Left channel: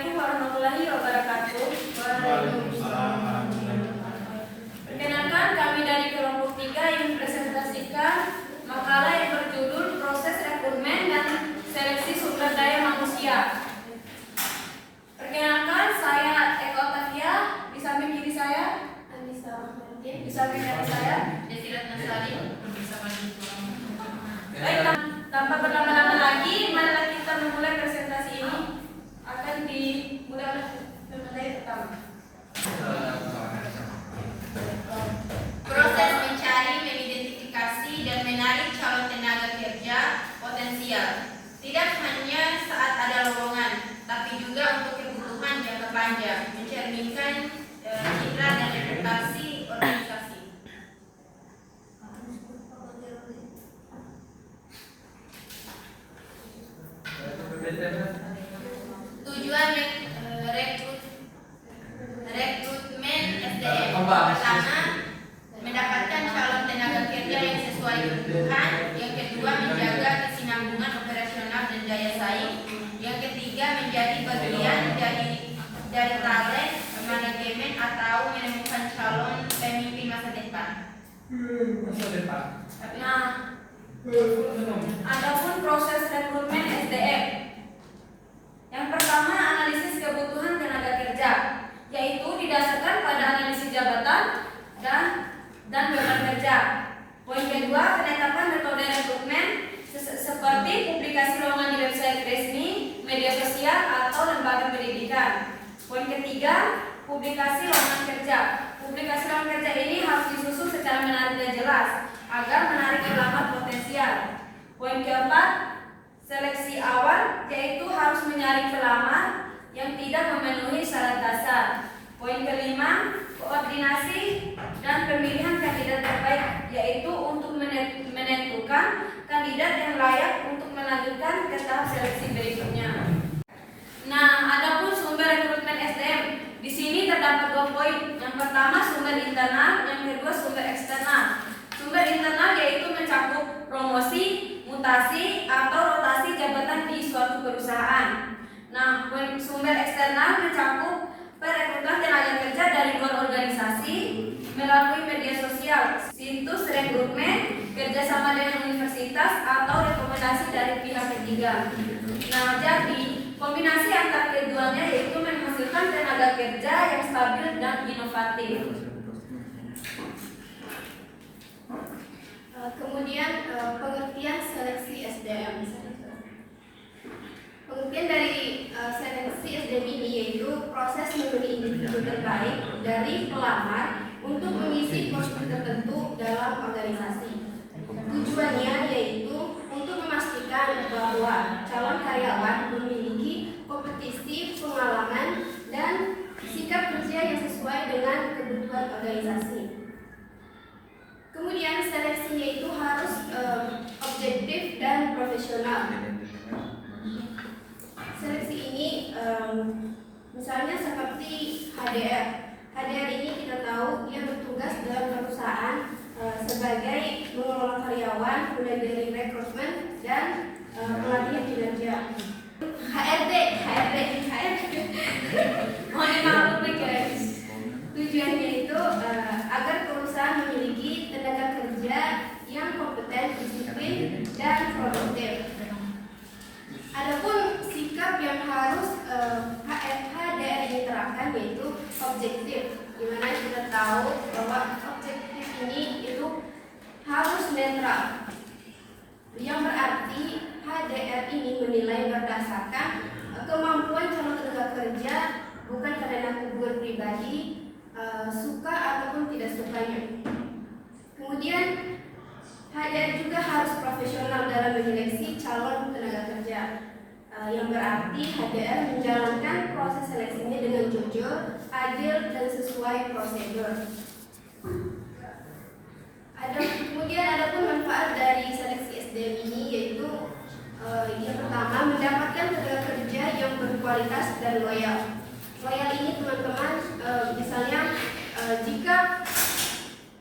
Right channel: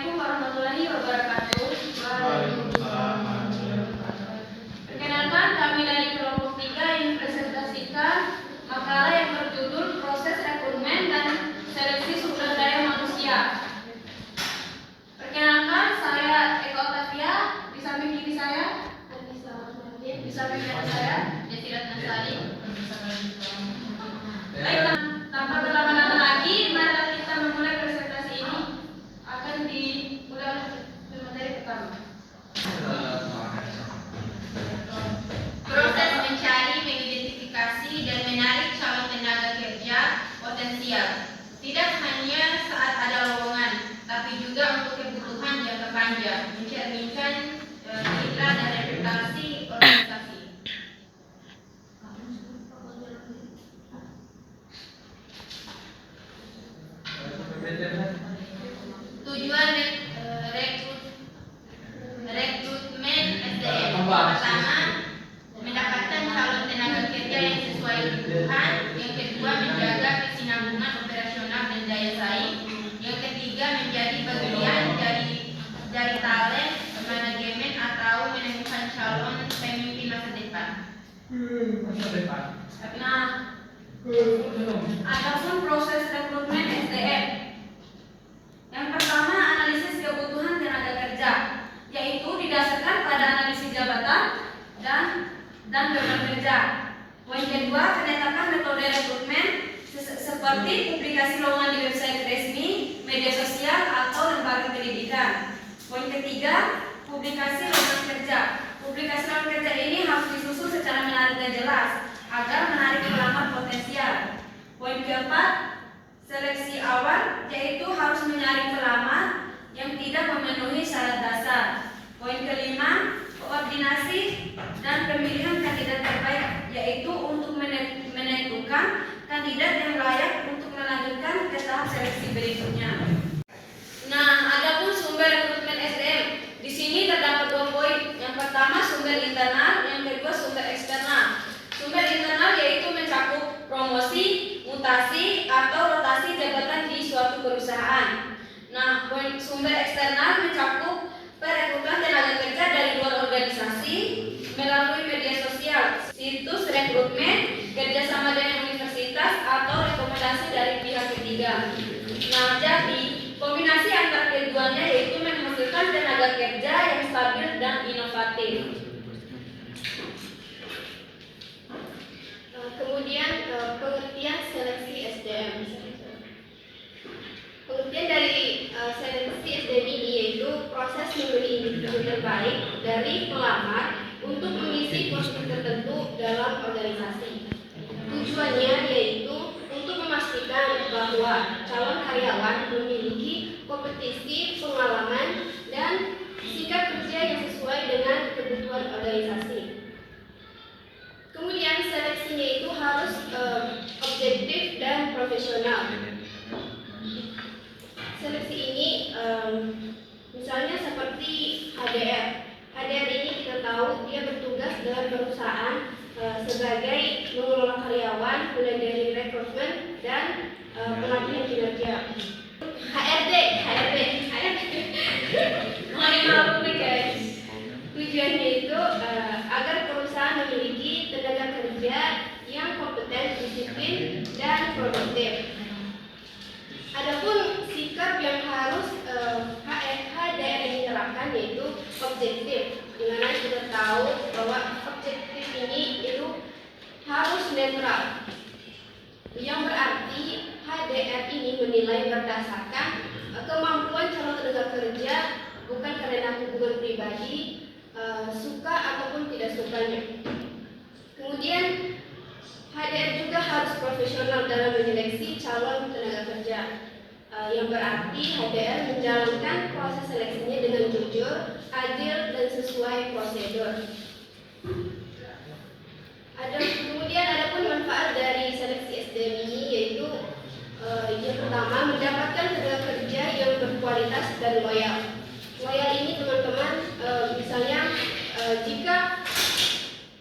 Assalamualaikum warahmatullahi wabarakatuh. Waalaikumsalam. Perkenalkan, kami dari kelompok 3 yang presentasikan makalah yang berjudul Proses Rekrutmen dan Seleksi Sumber Daya Manusia. Perkenalkan, saya Eko Tavia, di samping kiri saya Anissa Martin, di samping kanan saya Desirat Nasari. Baik, tanpa berlama-lama lagi, mari kita memulai presentasi ini. Akan dimulai oleh materi pertama. Proses mencari, mengidentifikasi, dan menarik calon tenaga kerja potensial tidak hanya saat ada lowongan, tapi juga untuk kebutuhan jangka panjang, mencerminkan citra dan reputasi organisasi. Tujuan rekrutmen SDM pertama, mendapatkan calon tenaga kerja yang sesuai kebutuhan. Yang kedua, menjaga kesinambungan operasional dan daya saing. Yang ketiga, menjadi bagian dari talent manajemen atau menemukan calon pemimpin masa depan. Nah, adapun proses rekrutmen SDM. Yang pertama, analisis kebutuhan tenaga kerja, yaitu didasarkan pada analisis jabatan dan beban kerja. Poin kedua, penetapan metode rekrutmen seperti publikasi lowongan di website resmi, media sosial, atau lembaga pendidikan. Poin ketiga, publikasi lowongan kerja. Publikasi lowongan kerja ini harus disusun secara menarik dan jelas agar menarik pelamar potensial. Poin keempat, seleksi awal, yaitu harus menyaring pelamar yang tidak memenuhi syarat dasar. Poin kelima, koordinasi dan pemilihan kandidat terbaik, yaitu untuk menentukan kandidat yang layak untuk melanjutkan ke tahap seleksi berikutnya. Nah, adapun sumber rekrutmen SDM, di sini terdapat 2 poin. Yang pertama, sumber internal, yang kedua sumber eksternal. Sumber internal yaitu mencakup promosi, mutasi, atau rotasi jabatan di suatu perusahaan. Nah, sumber eksternal mencakup perekrutan tenaga kerja dari luar organisasi melalui media sosial, situs rekrutmen, kerjasama dengan universitas, atau rekomendasi dari pihak ketiga. Nah, jadi kombinasi antara keduanya yaitu menghasilkan tenaga kerja yang stabil dan inovatif. Kemudian pengertian seleksi SDM. Pengertian dari seleksi SDM ini yaitu proses memilih individu terbaik dari pelamar untuk mengisi posisi tertentu dalam organisasi. Tujuannya yaitu untuk memastikan bahwa calon karyawan memiliki kompetisi, pengalaman, dan sikap kerja yang sesuai dengan kebutuhan organisasi. Kemudian seleksinya itu harus objektif dan profesional. Seleksi ini misalnya seperti HDR. HDR ini kita tahu dia bertugas dalam perusahaan sebagai mengelola karyawan, mulai dari rekrutmen dan pelatihan kinerja. HRD. Mohon maaf nih guys. Tujuannya itu agar perusahaan memiliki tenaga kerja yang kompeten, disiplin, dan produktif. Adapun sikap yang harus HDR ini terapkan yaitu objektif, di mana kita tahu bahwa objektif ini itu harus netral. Yang berarti HDR ini menilai berdasarkan kemampuan calon tenaga kerja, bukan karena hubungan pribadi, suka ataupun tidak sukanya. Kemudian HDR juga harus profesional dalam menyeleksi calon tenaga kerja, yang berarti HDR menjalankan proses seleksinya dengan jujur, adil, dan sesuai prosedur. Kemudian adapun manfaat dari seleksi SDM ini yaitu yang pertama, mendapatkan tenaga kerja yang berkualitas dan loyal. Loyal ini teman-teman, misalnya jika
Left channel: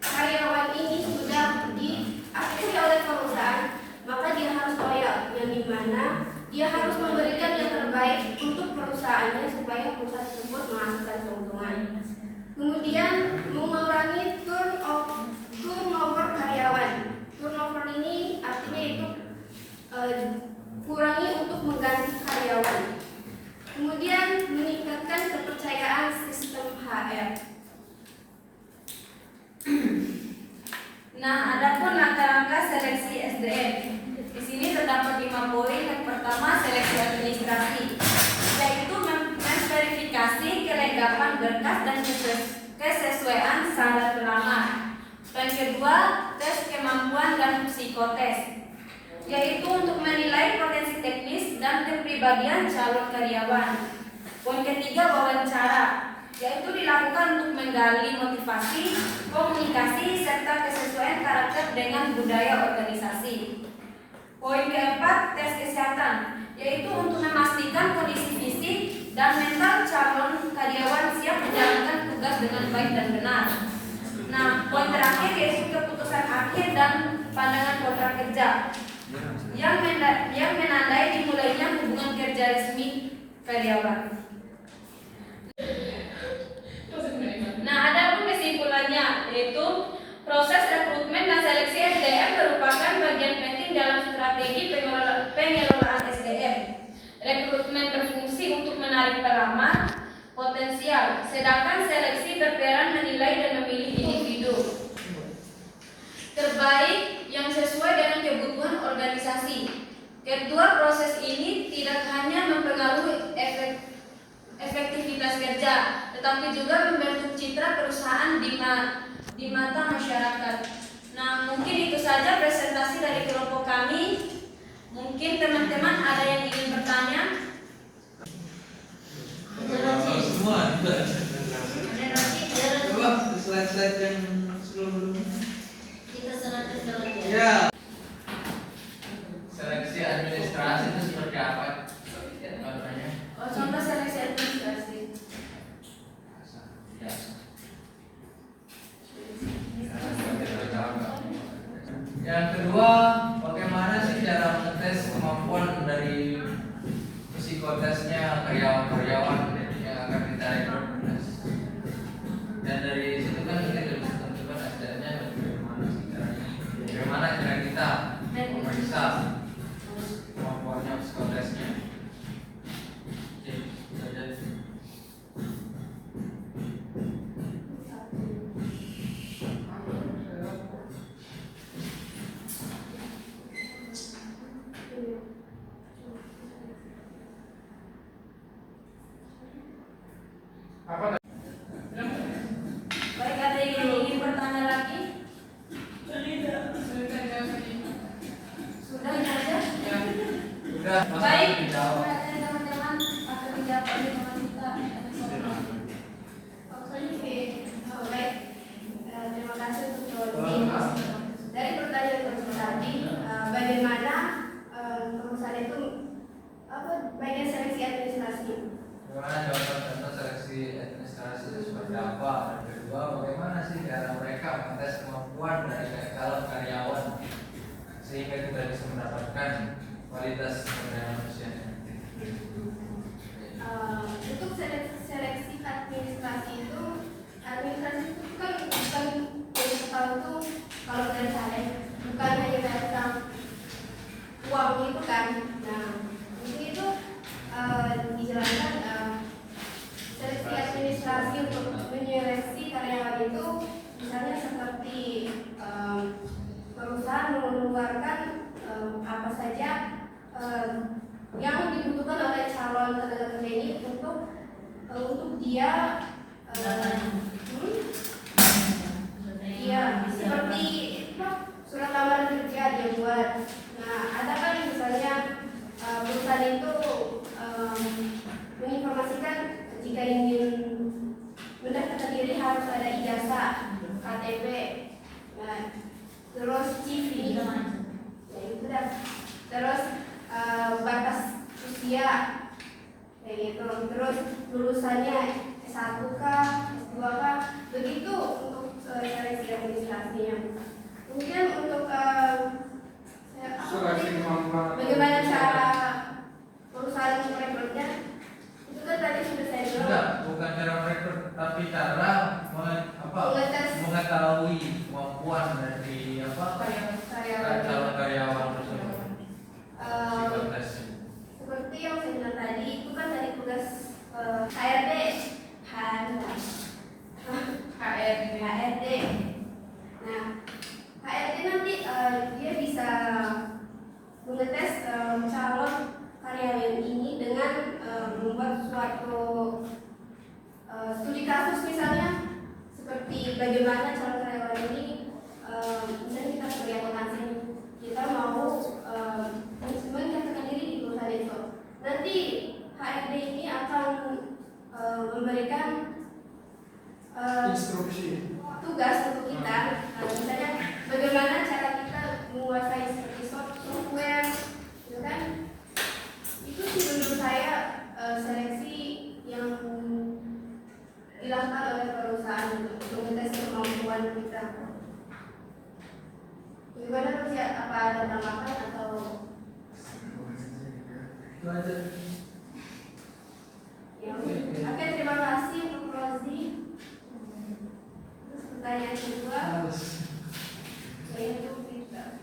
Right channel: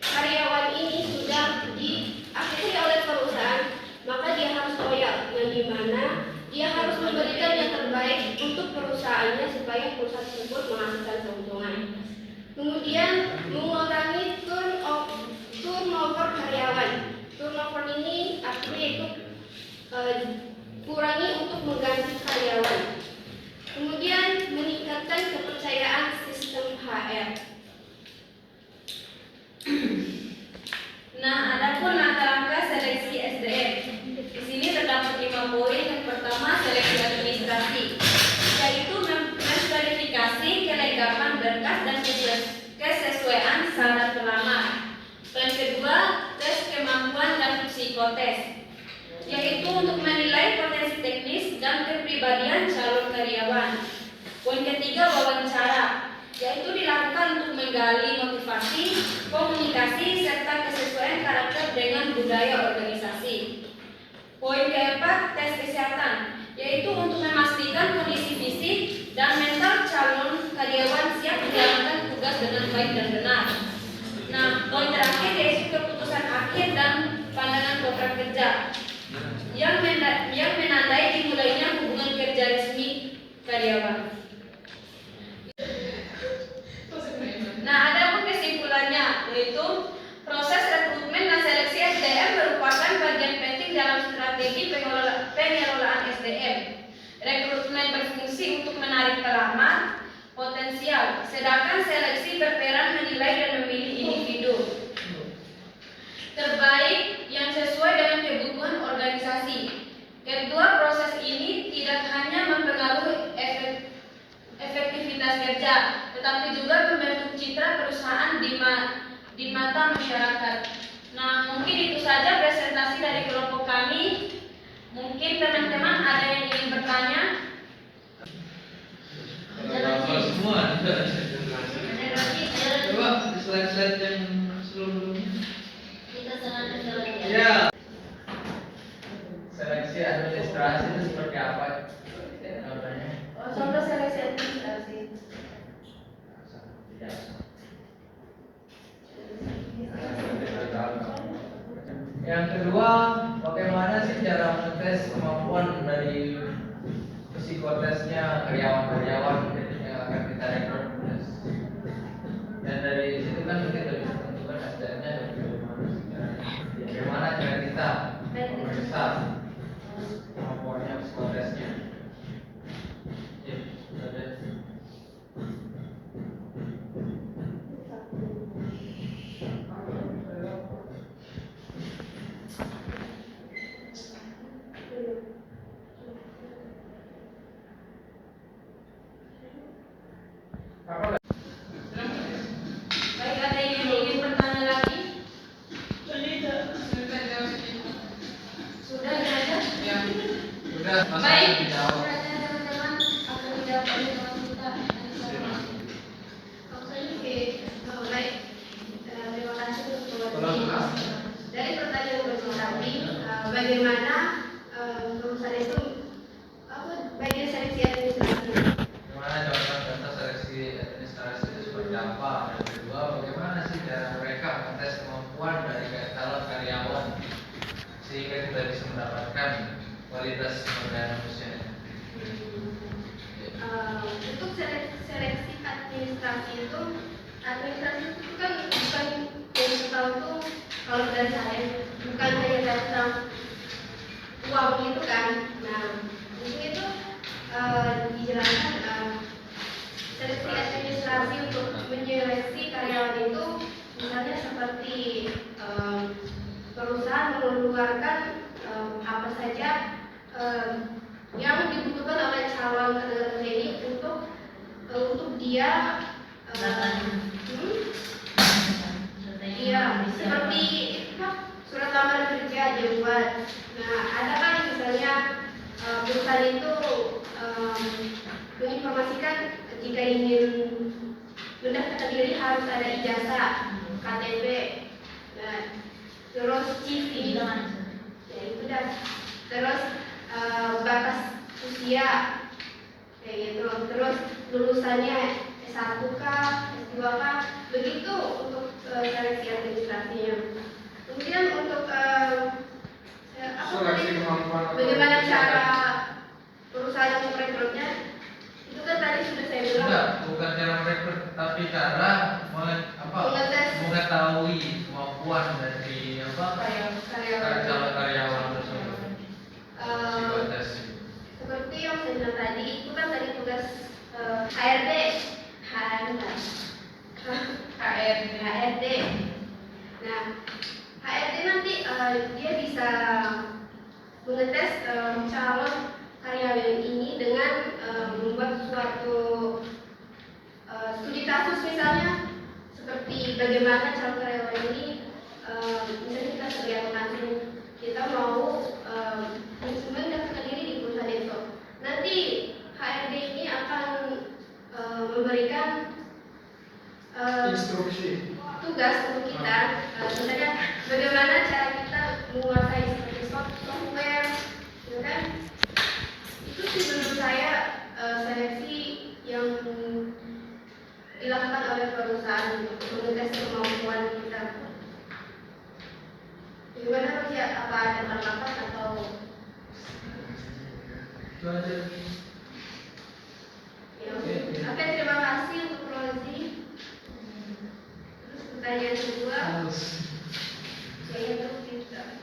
karyawan ini sudah diakuisisi oleh perusahaan, maka dia harus loyal, yang dimana dia harus memberikan yang terbaik untuk perusahaan perusahaannya supaya perusahaan tersebut menghasilkan keuntungan. Kemudian mengurangi turnover karyawan. Turnover ini artinya itu kurangi untuk mengganti karyawan. Kemudian meningkatkan kepercayaan sistem HR. Nah, adapun langkah-langkah seleksi SDM. Di sini terdapat 5 poin. Yang pertama, seleksi administrasi, yaitu memverifikasi kelengkapan berkas dan kesesuaian syarat pelamar. Poin kedua, tes kemampuan dan psikotes, yaitu untuk menilai potensi teknis dan kepribadian calon karyawan. Poin ketiga, wawancara, yaitu dilakukan untuk menggali motivasi, komunikasi, serta kesesuaian karakter dengan budaya organisasi. Poin keempat, tes kesehatan, yaitu untuk memastikan kondisi fisik dan mental calon karyawan siap menjalankan tugas dengan baik dan benar. Nah, poin terakhir yaitu keputusan akhir dan pandangan kontrak kerja yang menandai dimulainya hubungan kerja resmi karyawan. Nah, ada pun kesimpulannya, yaitu proses rekrutmen dan seleksi SDM merupakan bagian penting dalam strategi pengelolaan SDM. Rekrutmen berfungsi untuk menarik pelamar potensial, sedangkan seleksi berperan menilai dan memilih individu terbaik yang sesuai dengan kebutuhan organisasi. Kedua proses ini tidak hanya mempengaruhi efektivitas kerja, tetapi juga membentuk citra perusahaan di mata masyarakat. Nah, mungkin itu saja presentasi dari kelompok kami. Mungkin teman-teman ada yang ingin bertanya? Semua coba slide-slide yang sebelum-sebelumnya. Ya. Seleksi administrasi itu seperti apa? Contoh seleksi administrasi. Yang kedua, bagaimana sih cara mengetes kemampuan dari psikotesnya karyawan-karyawan yang akan kita rekrut? Dan dari situ kan kita bisa tentukan SDM-nya bagaimana cara kita memeriksa kemampuannya psikotesnya. Baik, ada yang ingin bertanya lagi? Sudah saja? Udah, Baik, dijawab. pertanyaan teman-teman akan dijawab oleh teman kita. Baik, terima kasih untuk Tolong. dari pertanyaan pertama tadi, bagaimana perusahaan itu bagian seleksi administrasi. Bagaimana contoh-contoh seleksi administrasi itu seperti apa? Dan kedua, bagaimana sih cara mereka mengetes kemampuan dari calon karyawan sehingga kita bisa mendapatkan kualitas sumber daya manusia. Untuk seleksi administrasi itu kan bukan yang tahu tuh kalau dari saya bukan hanya tentang uang itu kan. Nah, di sini tuh dijelaskan seleksi administrasi untuk menyeleksi karyawan itu misalnya seperti perusahaan mengeluarkan apa saja yang dibutuhkan oleh calon tenaga kerja ini untuk dia seperti surat lamaran kerja dia buat. Nah, ada kan misalnya perusahaan itu menginformasikan jika ingin mendaftarkan diri harus ada ijazah, KTP, nah, terus CV, ya itu dah. Terus batas usia, kayak gitu. Terus lulusannya S1 kah, S2 kah, begitu untuk seleksi administrasinya. Kemudian untuk bagaimana cara perusahaan merekrutnya, itu kan tadi tapi cara Mengetes. mengetahui kemampuan dari calon karyawan tersebut. Psikotes. Seperti yang saya bilang tadi, itu kan dari tugas HRD. HRD. Nah, HRD nanti dia bisa mengetes calon karyawan ini dengan membuat suatu studi kasus misalnya, seperti bagaimana calon karyawan ini misalnya kita sebagai akuntansi, kita mau mendaftarkan diri di perusahaan itu. Nanti HRD ini akan memberikan Instruksi. tugas untuk kita, misalnya bagaimana cara kita menguasai seperti software, gitu kan? Itu sih menurut saya seleksi yang dilakukan oleh perusahaan untuk mengetes kemampuan kita. Gimana Mas ya? Apa ada tanggapan atau? Itu aja. Ya, oke, terima kasih untuk Rozi. Terus pertanyaan kedua, yaitu kita.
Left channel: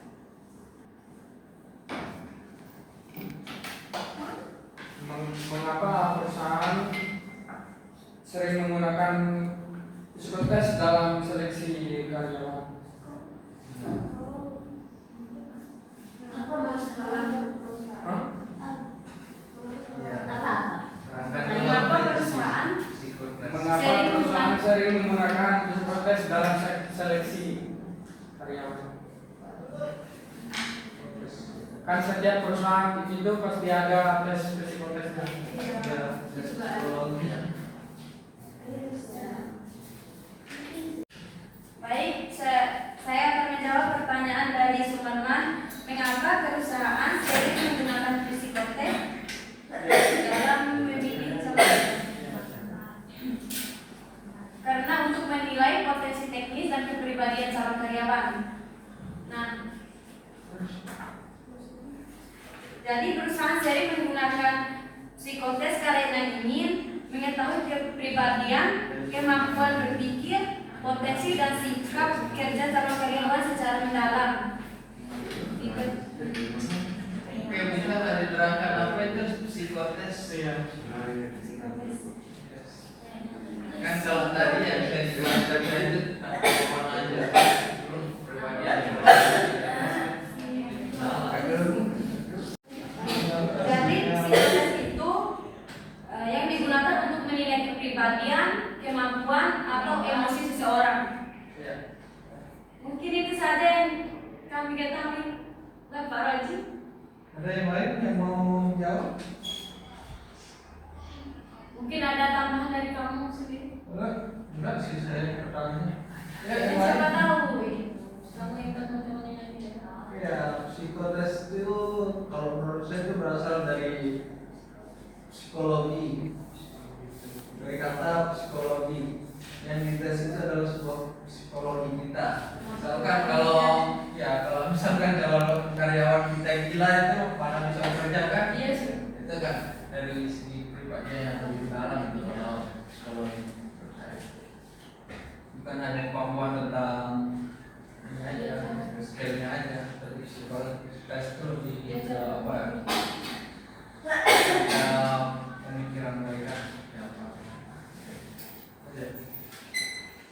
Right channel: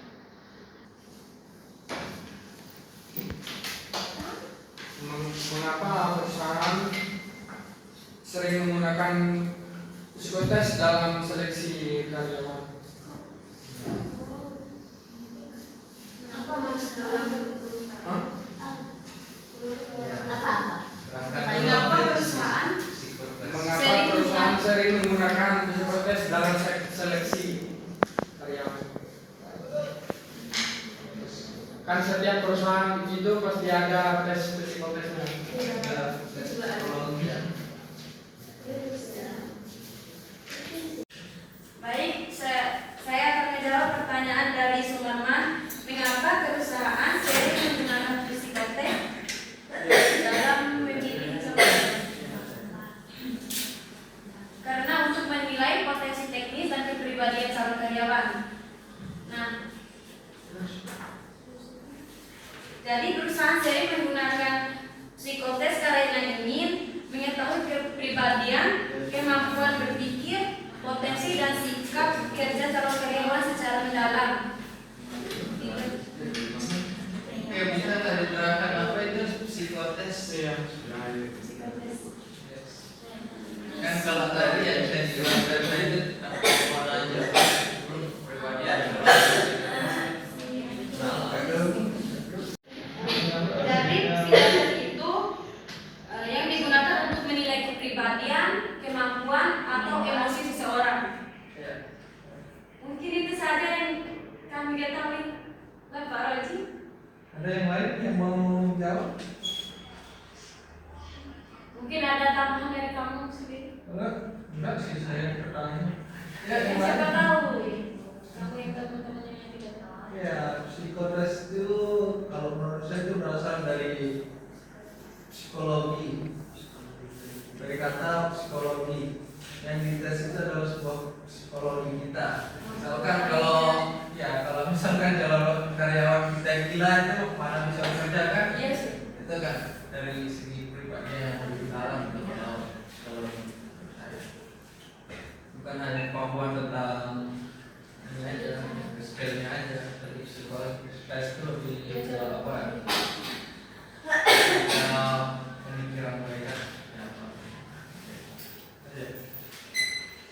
Mengapa perusahaan sering menggunakan psikotes dalam seleksi karyawan? Apa masalah? Hah? Mengapa perusahaan Mengapa perusahaan sering menggunakan psikotes dalam seleksi karyawan? Kan setiap perusahaan itu pasti ada tes psikotesnya. Baik, saya akan menjawab pertanyaan dari Sumarman. Mengapa perusahaan sering menggunakan psikotes dalam memilih calon? Karena untuk menilai potensi teknis dan kepribadian calon karyawan. Nah, jadi perusahaan sering menggunakan psikotes karena ingin mengetahui kepribadian, kemampuan berpikir, potensi dan sikap kerja calon karyawan secara mendalam. Oke, bisa nggak diterangkan apa itu psikotes? Kan kalau tadi ya bisa dijelaskan tadi itu mana aja kepribadian. Jadi psikotes itu yang digunakan untuk menilai kepribadian, kemampuan atau emosi seseorang. Mungkin itu saja yang kami ketahui. Pak Roji. Ada yang lain yang mau jawab? Mungkin ada tambahan dari kamu sendiri. Enggak sih, saya pertanyaan. Ya, yang Siapa lain? tahu kamu yang teman-temannya yang tidak tahu. Ya, psikotes itu kalau menurut saya itu berasal dari psikologi. Dari kata psikologi. Yang dites itu adalah sebuah psikologi kita. Misalkan kalau misalkan calon karyawan kita yang gila itu mana bisa bekerja kan? Iya sih. Itu kan dari segi pribadinya yang lebih dalam di dalam psikologi. Bukan hanya kemampuan tentang ini aja, skillnya aja, tapi psikologi itu lebih ke apa? Pemikiran mereka.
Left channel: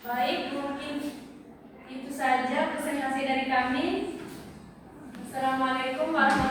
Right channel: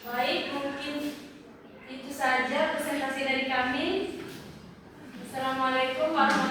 Baik, mungkin itu saja presentasi dari kami. Assalamualaikum warahmatullahi wabarakatuh.